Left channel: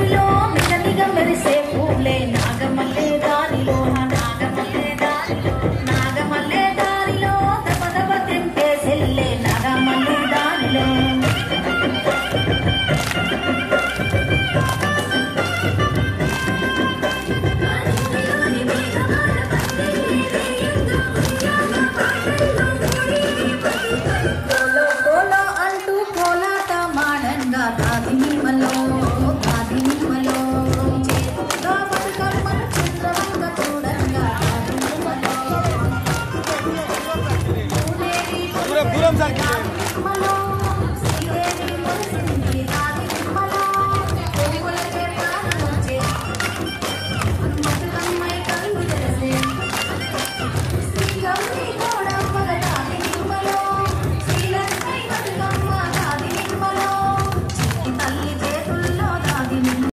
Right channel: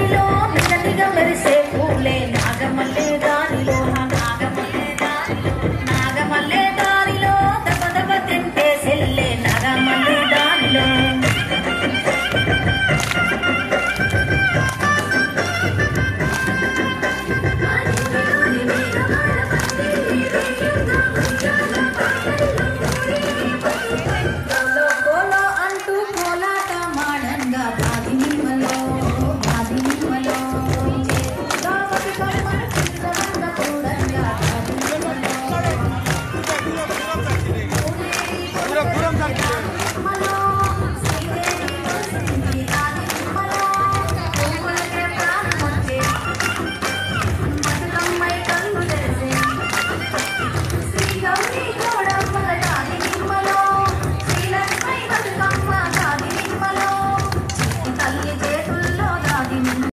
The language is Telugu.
దారిలో నిగనిగ మెరిసే పూలే నాగమల్లె దారిలో నాగమల్లె దారిలో దబ దబ తెంపే సెల్లే నాగమల్లె దారిలో